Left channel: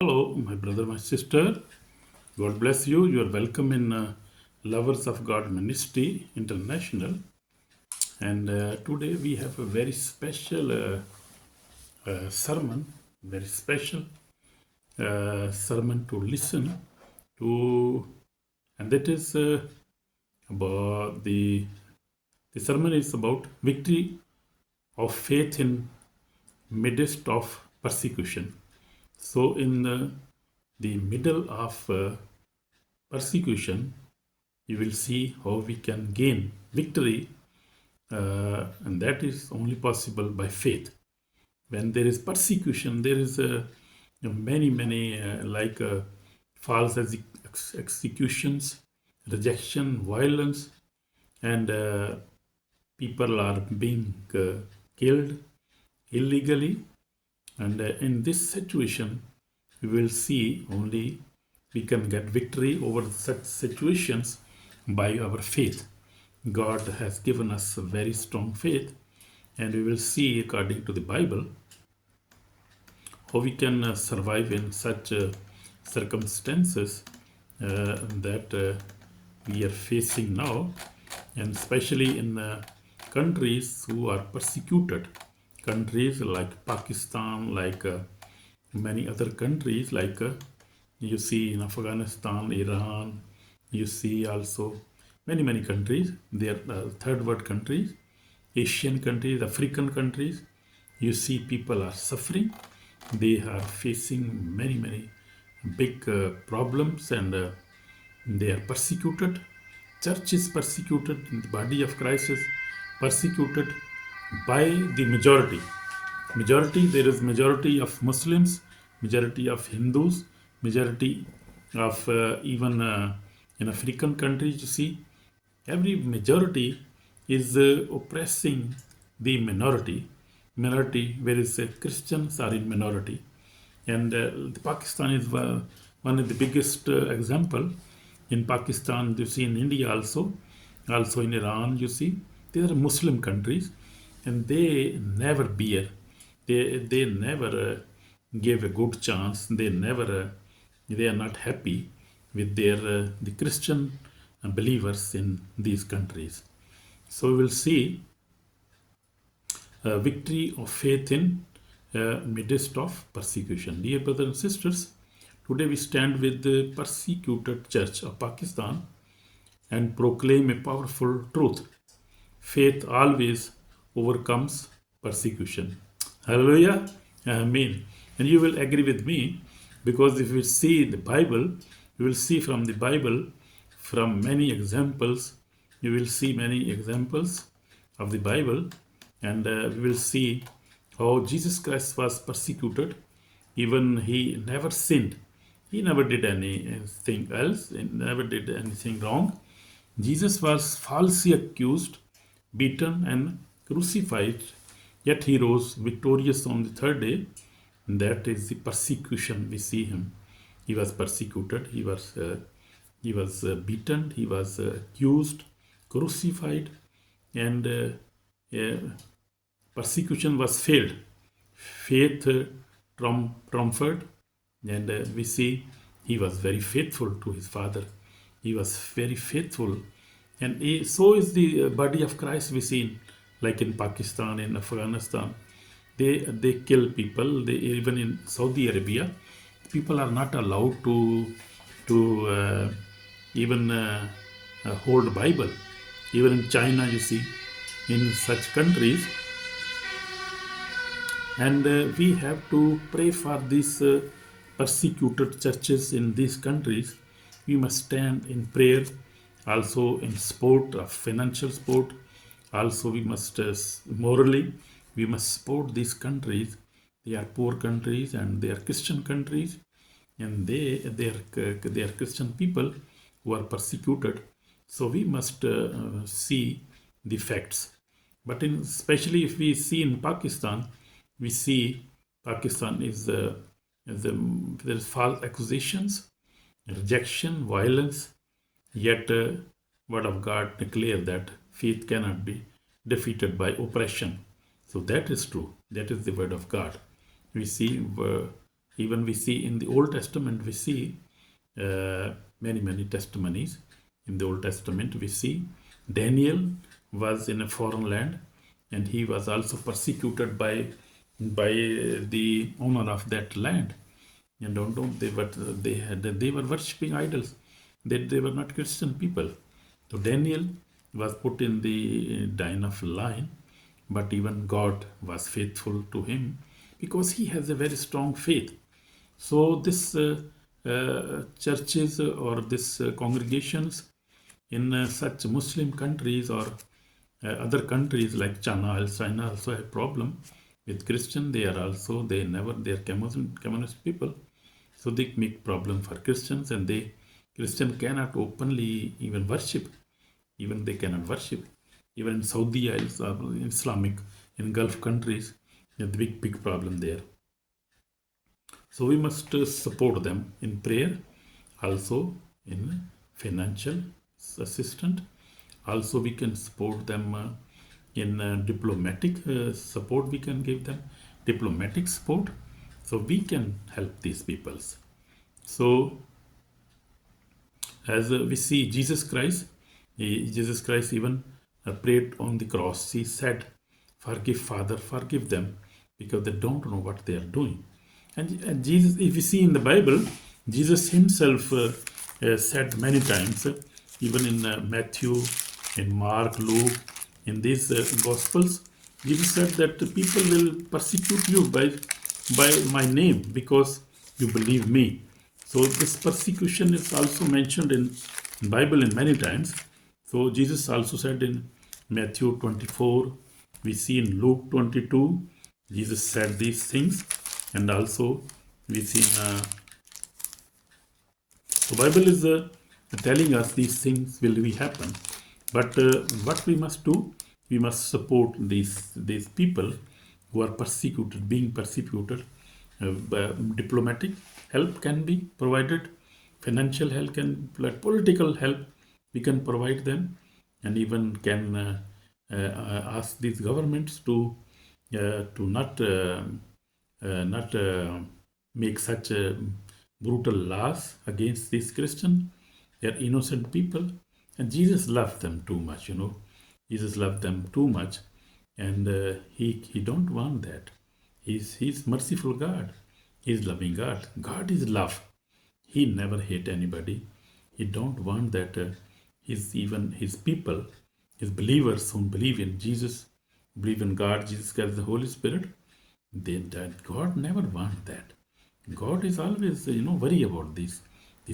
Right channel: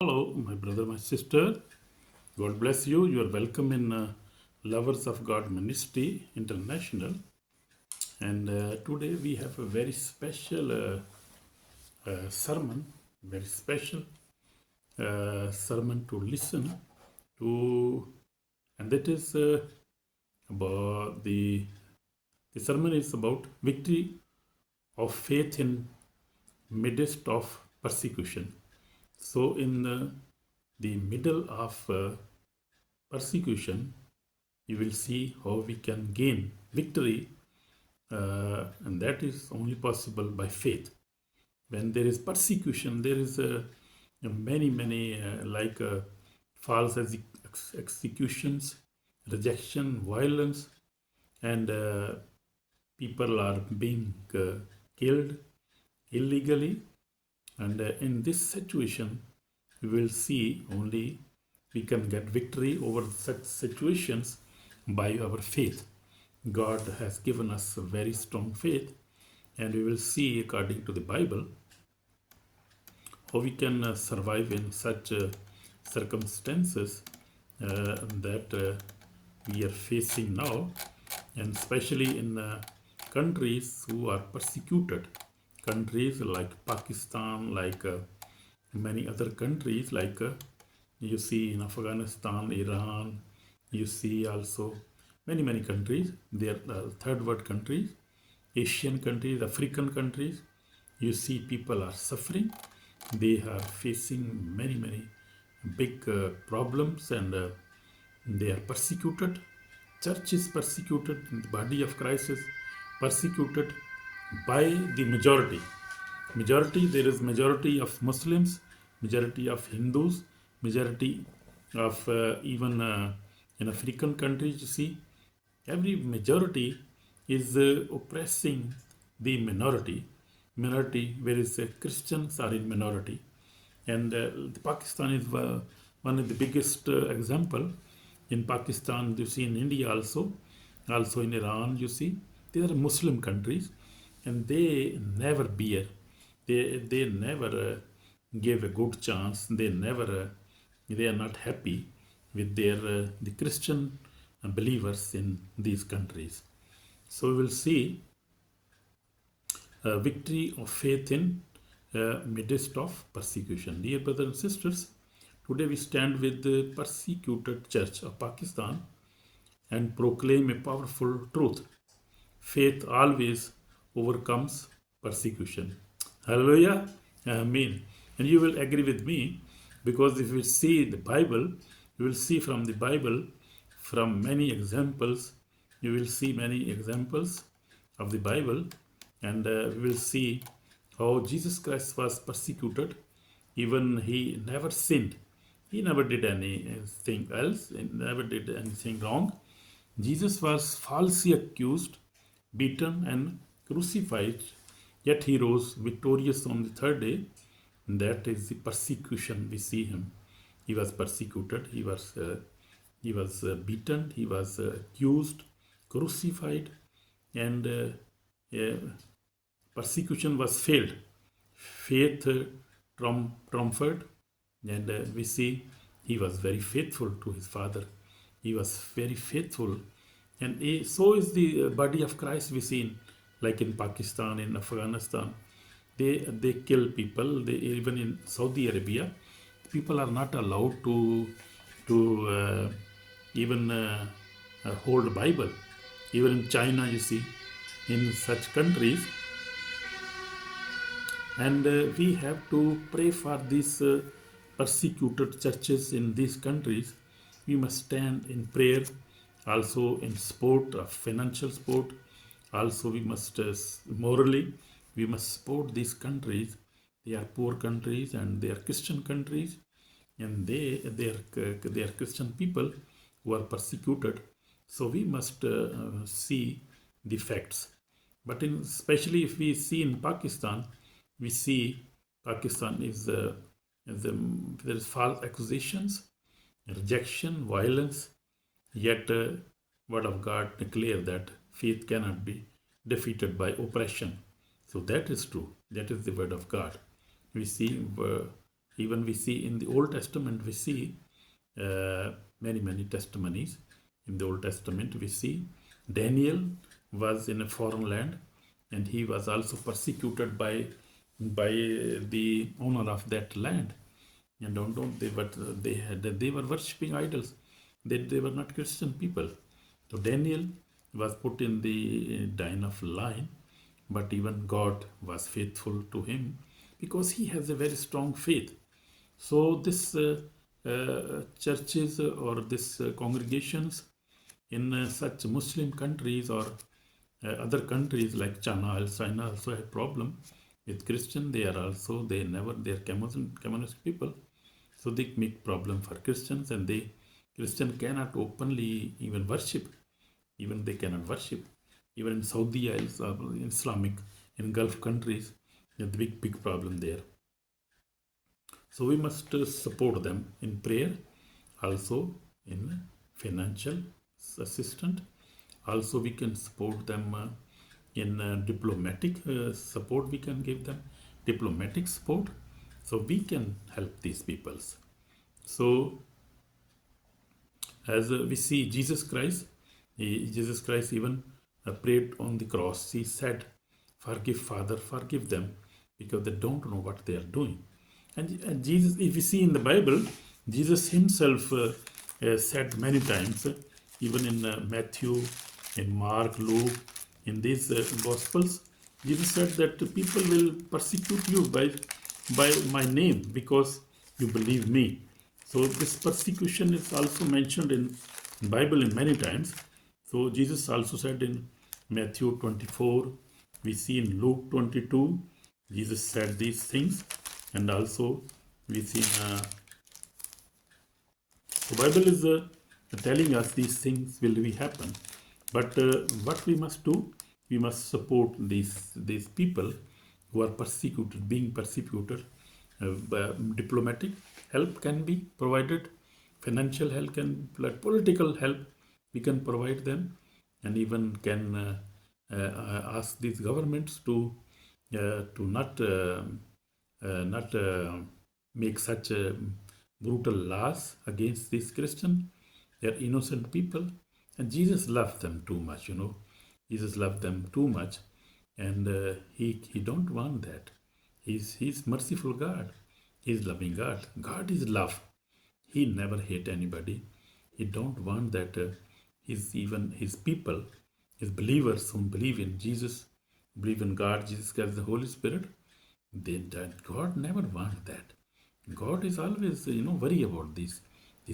Hello, my brother, my sister. God bless you. You are welcome in Lovers of God Ministry International. And today we have a very special sermon, very special sermon to listen to. And that is about the sermon is about victory of faith in midst of persecution. So, in the middle of persecution, you will see how we can gain victory, and that is only possible by faith. When there is persecution, there is many false executions, rejection, violence, and people are being killed illegally. And in this situation, we will see only we can get victory over such situations by our faith. God has given us a very strong faith, and we will see, according to the Bible, how we can survive in such circumstances that we are facing now, and especially in countries who are persecuted, countries like Pakistan, like many other countries, like you see in Afghanistan, Iran, you see also many countries. They are third world countries, Asian countries, African countries. You see people are suffering. They are facing many big problems, and they are persecuted. Church is persecuted. The body of Christ is persecuted by the majority. There is majority of Muslims, majority of Hindus, majority of even in African countries. You see, every majority is oppressing the minority, whereas Christians are in minority. And Pakistan is one of the biggest example. In Pakistan, you see, in India also in Iran, you see, they are Muslim countries, and they never bear, they never gave a good chance. They are not happy with their the Christian believers in these countries. So we will see victory of faith in midst of persecution. Dear brothers and sisters, today we stand with the persecuted church of Pakistan and proclaim a powerful truth. Faith always overcomes persecution. Hallelujah. Amen. And you will agree with me, because if we see the Bible, you will see from the Bible, from many examples, you will see many examples of the Bible, and we will see how Jesus Christ was persecuted. Even he never sinned. He never did anything else. He never did anything wrong. Jesus was falsely accused, beaten, and crucified, yet he rose victorious on the third day. That is the persecution we see him. He was persecuted, he was beaten, he was accused, crucified, and persecution was failed. Faith triumphed, and we see he was very faithful to his father. He was very faithful, and so is the body of Christ we see, like in Pakistan, in Afghanistan. They kill people. They, even in Saudi Arabia, people are not allowed to even hold Bible. Even in China, you see, in such countries, and we have to pray for these persecuted churches in these countries. We must stand in prayer, also in support of financial support. Also, we must morally, we must support these countries. They are poor countries, and they are Christian countries, and they are Christian people who are persecuted. So we must see the facts. But especially if we see in Pakistan, we see Pakistan there is false accusations, rejection, violence. Yet, word of God declare that faith cannot be defeated by oppression. So that is true. That is the word of God. We see Even we see in the Old Testament, we see many testimonies. In the Old Testament, we see Daniel was in a foreign land, and he was also persecuted by the owner of that land. And don't they were worshipping idols. They were not Christian people. So Daniel was put in the den of lion, but even God was faithful to him because he has a very strong faith. So this churches or this congregations in such Muslim countries or other countries like China also have problem with Christian. They are communist people, so they make problem for Christians, and Christian cannot openly even worship. Even they cannot worship. Even in Saudi or Islamic in Gulf countries, a big problem there. So we must support them in prayer, also in financial assistance. Also we can support them in diplomatic support. We can give them diplomatic support, so we can help these peoples. So as we see Jesus Christ even prayed on the cross. He said, "Forgive, Father, forgive them, because they don't know what they are doing." And Jesus, if you see in the Bible, Jesus himself said many times, even in Matthew, in Mark, Luke, in these Gospels, Jesus said that people will persecute you by my name because you believe me. So this persecution is also mentioned in Bible in many times. So Jesus also said in Matthew 24, we see in Luke 22, Jesus said these things, and also we see the Bible is telling us these things will be happen. But what we must do, we must support these people who are being persecuted. Diplomatic help can be provided, financial help political help we can provide them, and even can ask these governments to not make such brutal laws against these Christians. They are innocent people, and Jesus loved them too much. Jesus loved them too much, and he don't want that. He's merciful God. He's loving God. God is love. He never hate anybody. He don't want that. Even his people, his believers who believe in Jesus, believe in God, Jesus Christ, the Holy Spirit, that God never want that. God is always worry about these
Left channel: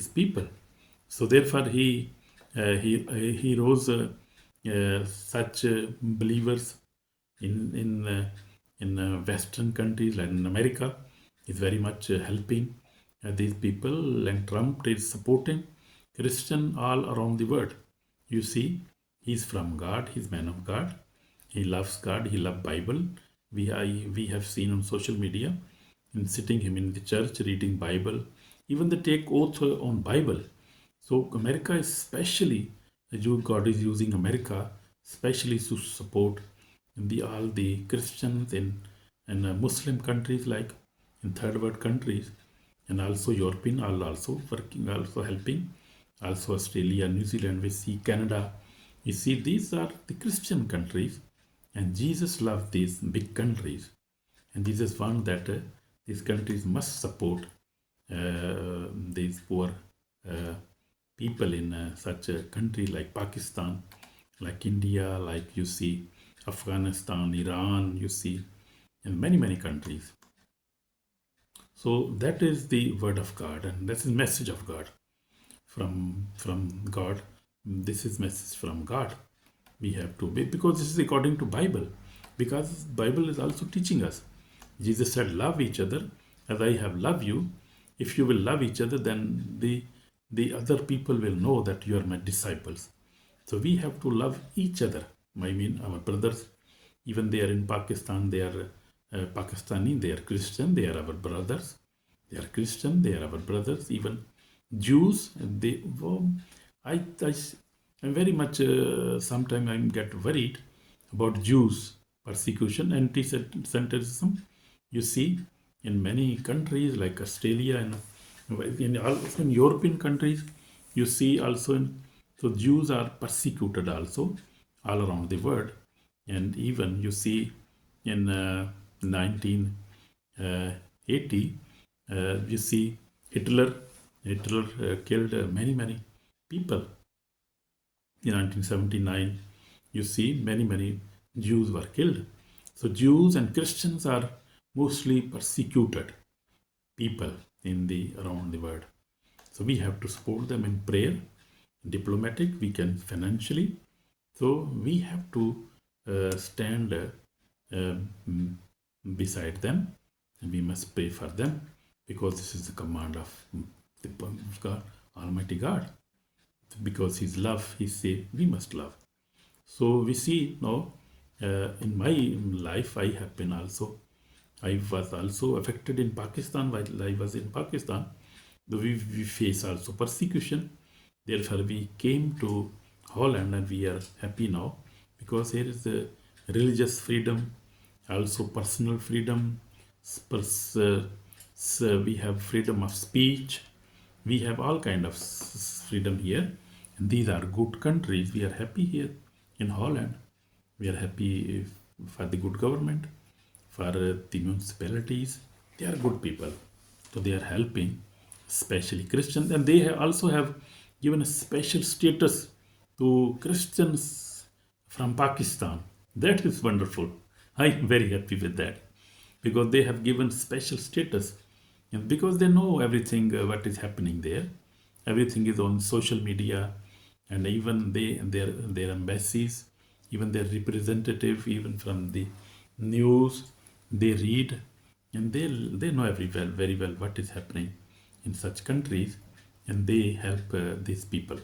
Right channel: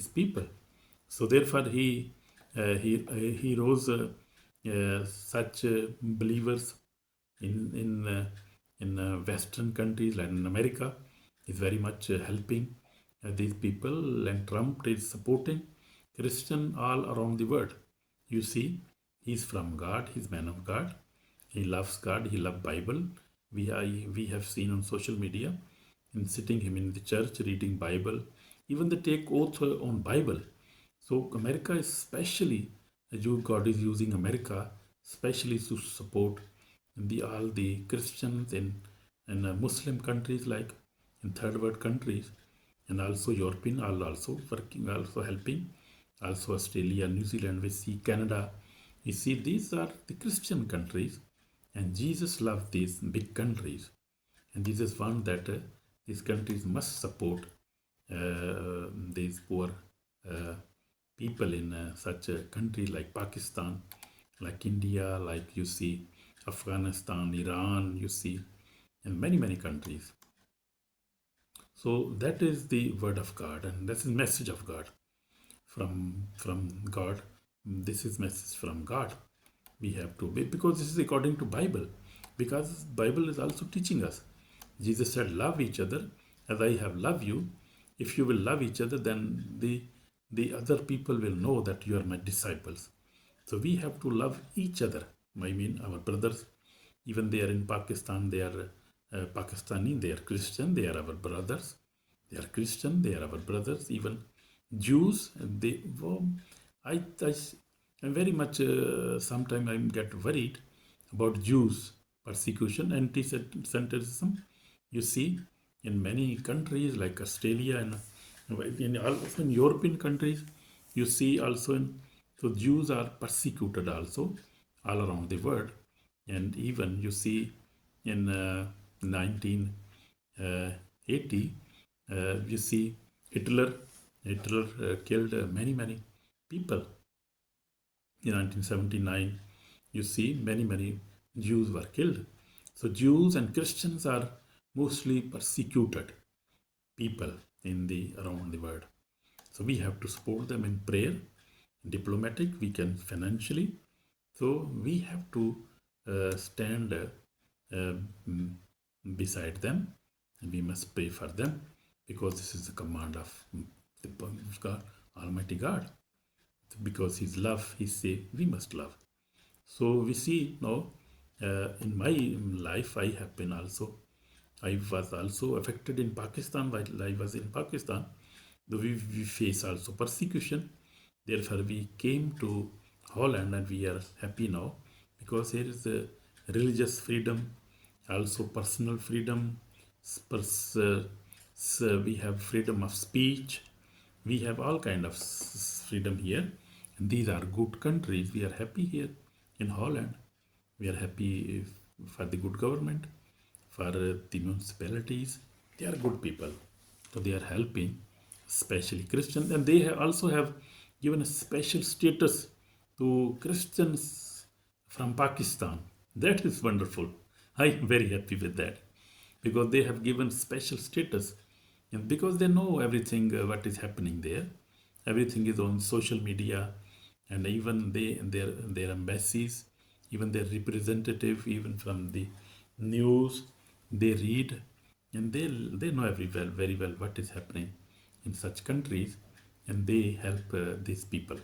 people. So therefore he rose such believers in Western countries like in America is very much helping these people, and Trump is supporting Christian all around the world. You see, he's from God, he's man of God, he loves God, he loves Bible. We have seen on social media in sitting him in the church reading Bible. Even they take oath on Bible. So America especially, God is using America especially to support all the Christians in Muslim countries like in third world countries, and also European are also working, also helping, also Australia, New Zealand, we see Canada. You see, these are the Christian countries, and Jesus loved these big countries, and Jesus found that these countries must support these poor people in such a country like Pakistan, like India, like you see Afghanistan, Iran, you see in many countries. So that is the word of God, and that's the message of God from God. This is message from God. We have to be, because this is according to Bible, because Bible is also teaching us. Jesus said, love each other as I have loved you. If you will love each other, then the other people will know that you are my disciples. So we have to love each other. I mean, our brothers, even they are in Pakistan, they are Pakistani, they are Christian, they are our brothers. They are Christian, they are our brothers. Even Jews, I'm very much, sometimes I get worried about Jews persecution, anti-Semitism. You see, in many countries like Australia and in European countries, you see also so Jews are persecuted also all around the world, and even you see in 1980, you see Hitler. Hitler killed many people. In 1979, you see many Jews were killed. So Jews and Christians are mostly persecuted people in the around the world. So we have to support them in prayer, diplomatic, we can financially. So we have to stand beside them, and we must pray for them, because this is the command of the God, Almighty God. Because His love, He said we must love. So we see now in my life, I have been also, I was also affected in Pakistan while I was in Pakistan. Though we face also persecution. Therefore, we came to Holland and we are happy now, because here is the religious freedom, also personal freedom. We have freedom of speech. We have all kind of freedom here. And these are good countries. We are happy here in Holland. We are happy for the good government, for the municipalities. They are good people. So they are helping, especially Christians. And they also have given a special status to Christians from Pakistan. That is wonderful. I am very happy with that, because they have given special status, and because they know everything what is happening there. Everything is on social media, and even their embassies, even their representative, even from the news, they read, and they know very well what is happening in such countries, and they help these people.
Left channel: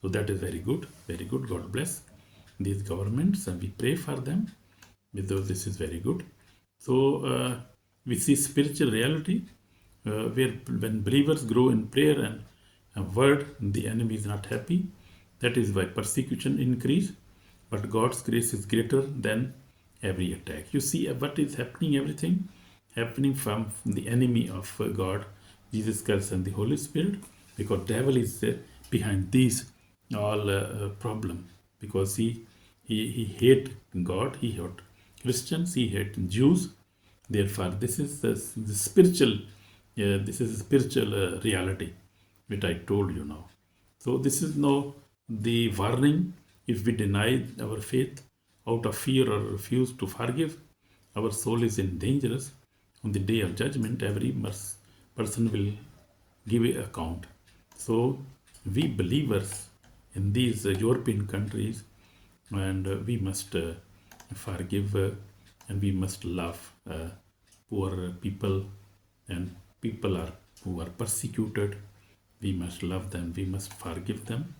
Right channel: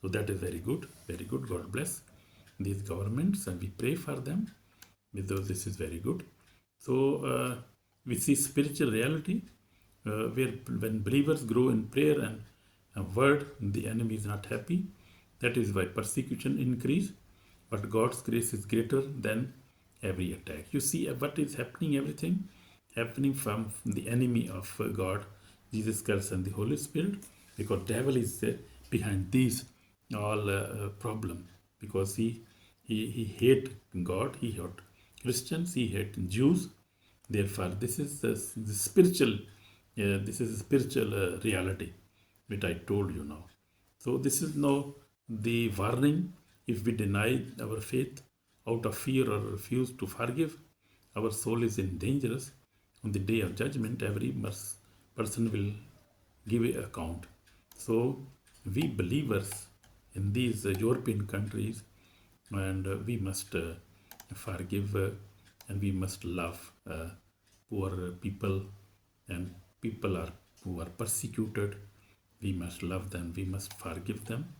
So that is very good, very good. God bless these governments, and we pray for them, because this is very good. So we see spiritual reality where when believers grow in prayer and word, the enemy is not happy. That is why persecution increase. But God's grace is greater than every attack. You see what is happening, everything happening from the enemy of God, Jesus Christ and the Holy Spirit, because devil is behind these all problem, because he hate God, he hate Christians, he hate Jews. Therefore, this is the spiritual, this is a spiritual reality which I told you now. So this is now the warning. If we deny our faith out of fear or refuse to forgive, our soul is in danger. On the day of judgment, every person will give an account. So we believers in these European countries, and we must forgive, and we must love poor people, and people who are persecuted. We must love them, we must forgive them.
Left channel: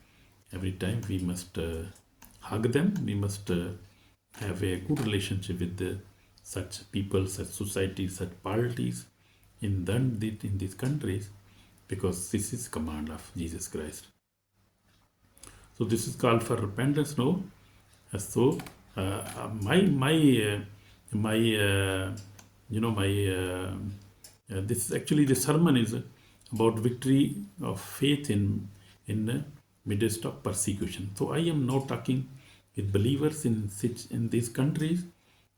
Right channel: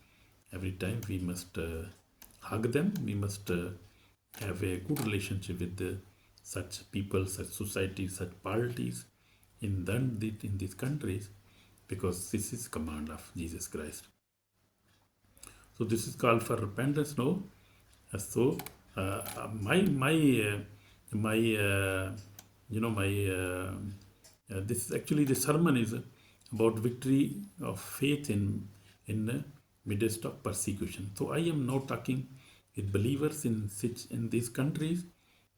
Every time we must hug them, we must have a good relationship with such people, such societies, such parties in these countries, because this is command of Jesus Christ. So this is called for repentance now. So my this is actually, the sermon is about victory of faith in midst of persecution. So I am now talking with believers in these countries,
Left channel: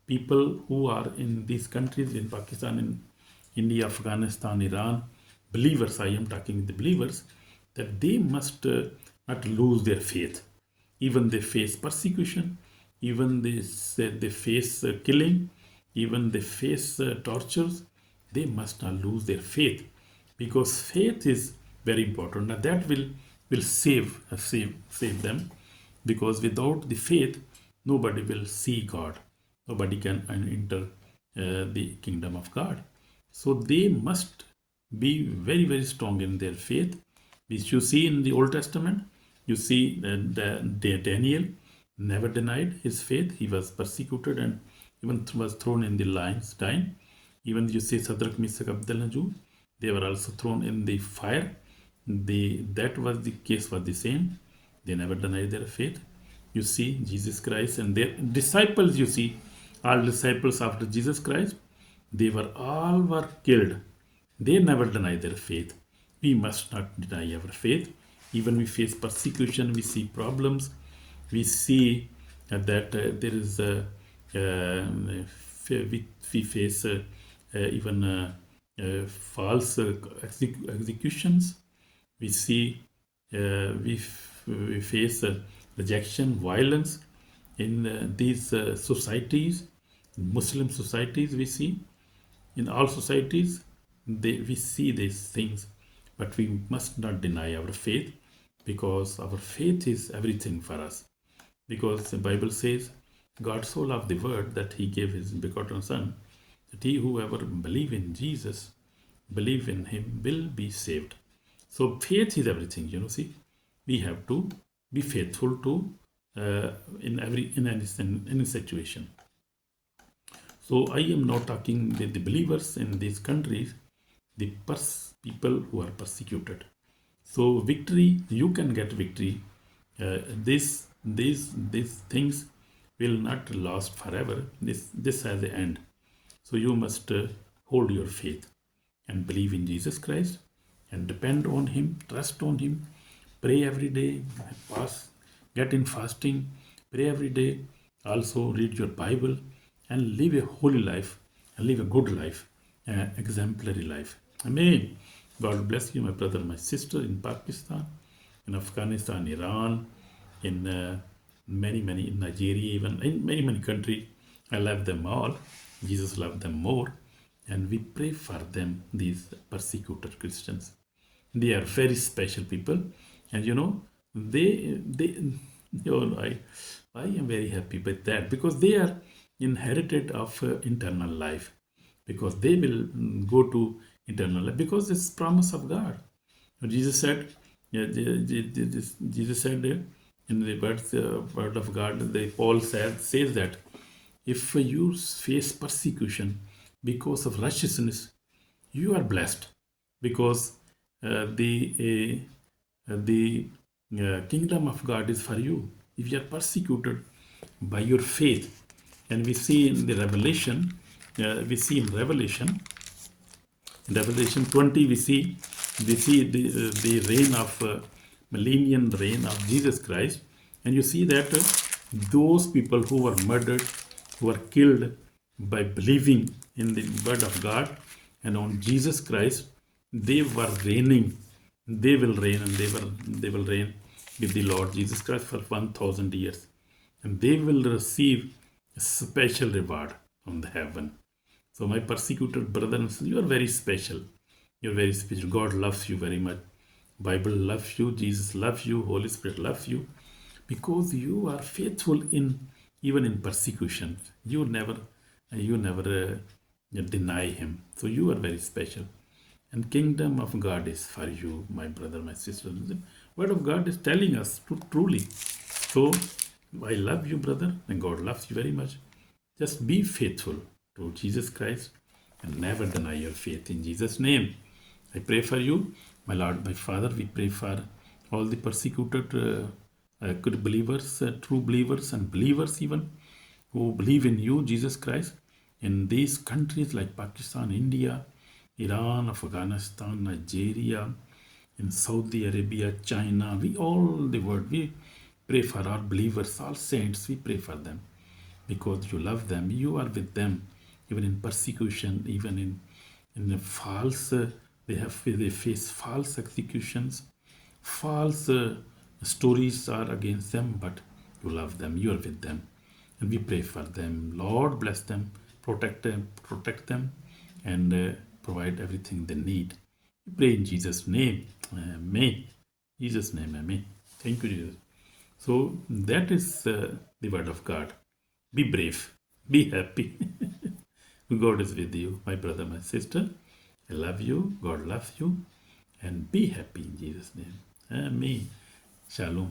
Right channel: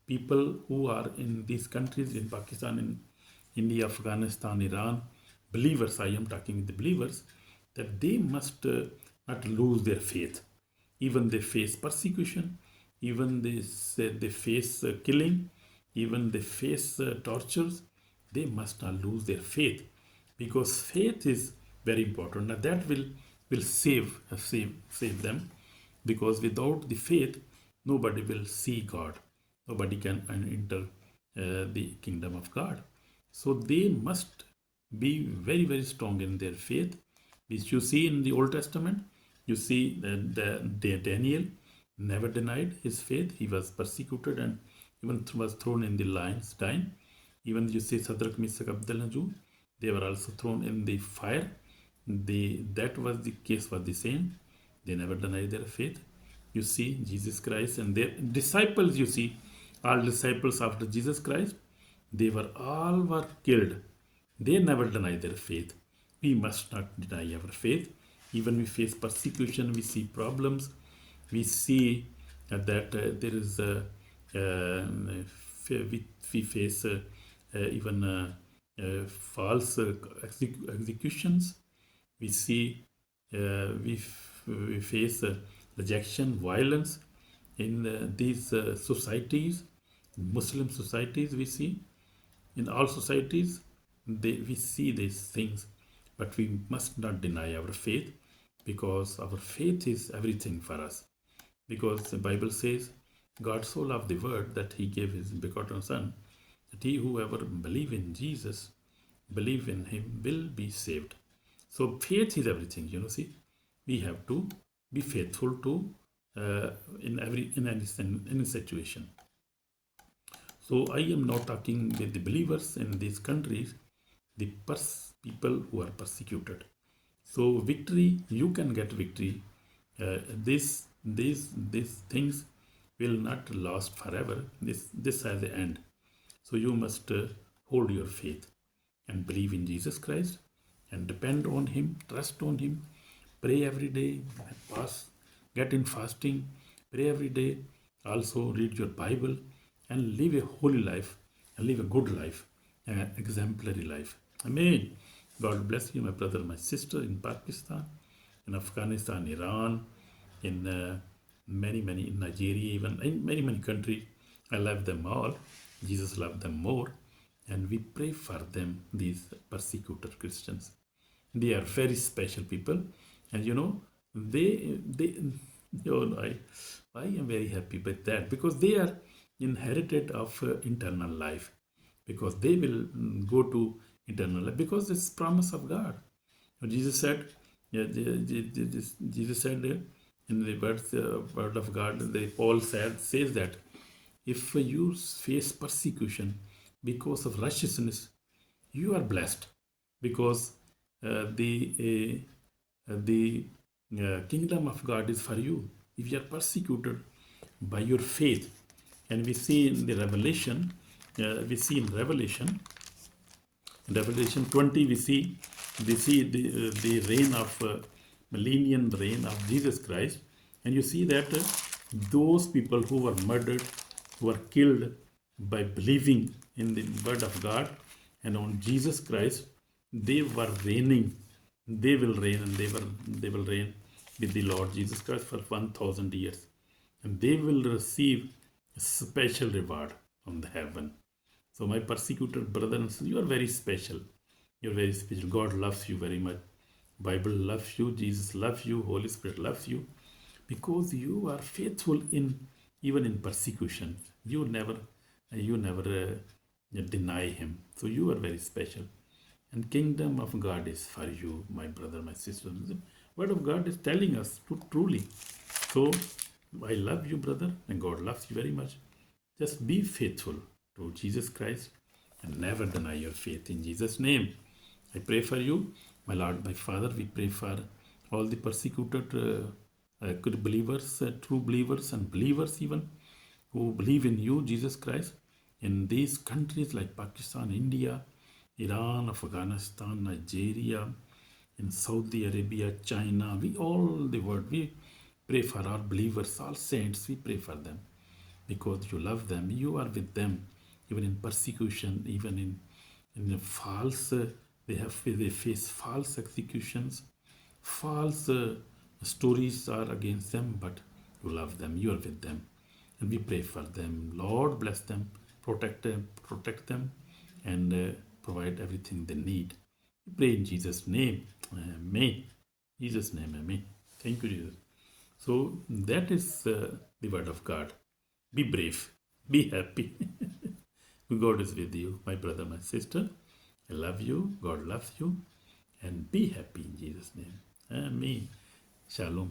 people who are in these countries, in Pakistan, in India, Afghanistan, Iran. Believers, I am talking with the believers, that they must not lose their faith. Even they face persecution, even they face killing, even they face tortures. They must not lose their faith, because faith is very important. Now that will save them, because without the faith, nobody will see God. Nobody can enter the kingdom of God. So they must be very strong in their faith, which you see in the Old Testament. You see Daniel never denied his faith. He was persecuted and even was thrown in the lion's den. Even you see Shadrach, Meshach, Abednego, they were also thrown in the fire. That was the case was the same. They never denied their faith. You see Jesus Christ and their disciples. You see all disciples after Jesus Christ, They were all were killed. They never denied their faith. We must not deny our faith. Even we face persecution, we see problems, we see that there is we face even false executions. We see we face rejection, violence in these societies, Muslim societies. We see in all societies we see these things, but we must not deny our faith, because our faith is everything for us. Because the Bible says, God so loved the world that he gave his begotten Son, that he whoever believe in Jesus, believe in him, will be saved. So faith is everything. See, we have to be faithful to in any situation. So I am now talking with the believers in these countries, the people who are persecuted. So victory, you can get victory. These things will not last forever. This has an end. So you must hold your faith and believe in Jesus Christ and depend on him, trust on him, pray every day, fast, get in fasting, pray every day, also read your Bible and live a holy life and live a good life, an exemplary life. Amen. God bless you, my brother, my sister, in Pakistan, in Afghanistan, Iran, in many, in Nigeria, even in many countries. I love them all. Jesus loved them more. And we pray for them, these persecuted Christians. They are very special people. And I am very happy with that, because they are inherited of eternal life, because they will go to eternal life, because it's promise of God. Jesus said, Jesus said in the word of God, Paul says that if you face persecution because of righteousness, you are blessed, because the kingdom of God is for you. If you are persecuted by your faith, and we see in the Revelation, in Revelation 20, we see the reign of millennium reign of Jesus Christ, and you see that those people who were murdered, who were killed by believing in the word of God and on Jesus Christ, they were reigning. They will reign, and they will reign with the Lord Jesus Christ for 1,000 years, and they will receive a special reward on the heaven. So my persecuted brothers, you are very special. You are very special. God loves you very much. Bible loves you. Jesus loves you. Holy Spirit loves you, because you are faithful even in persecution. You never deny him. So you are very special. And kingdom of God is for you, my brother, my sister. The word of God is telling us to truly. So I love you, brother, and God loves you very much. Just be faithful to Jesus Christ and never deny your faith. In Jesus' name, I pray for you, my Lord, my Father. We pray for all the persecuted good believers, true believers, and believers even, who believe in you, Jesus Christ, in these countries like Pakistan, India, Iran, Afghanistan, Nigeria, in Saudi Arabia, China. We all the world, we pray for our believers, all saints. We pray for them, because you love them. You are with them, even in persecution, even in the false. They face false executions, false stories are against them, but you love them. You are with them, and we pray for them. Lord, bless them, protect them, and provide everything they need. We pray in Jesus' name. Amen. Jesus' name, amen. Thank you, Jesus. So that is the word of God. Be brave. Be happy. God is with you, my brother, my sister. I love you. God loves you. And be happy in Jesus' name. Amen. Shalom.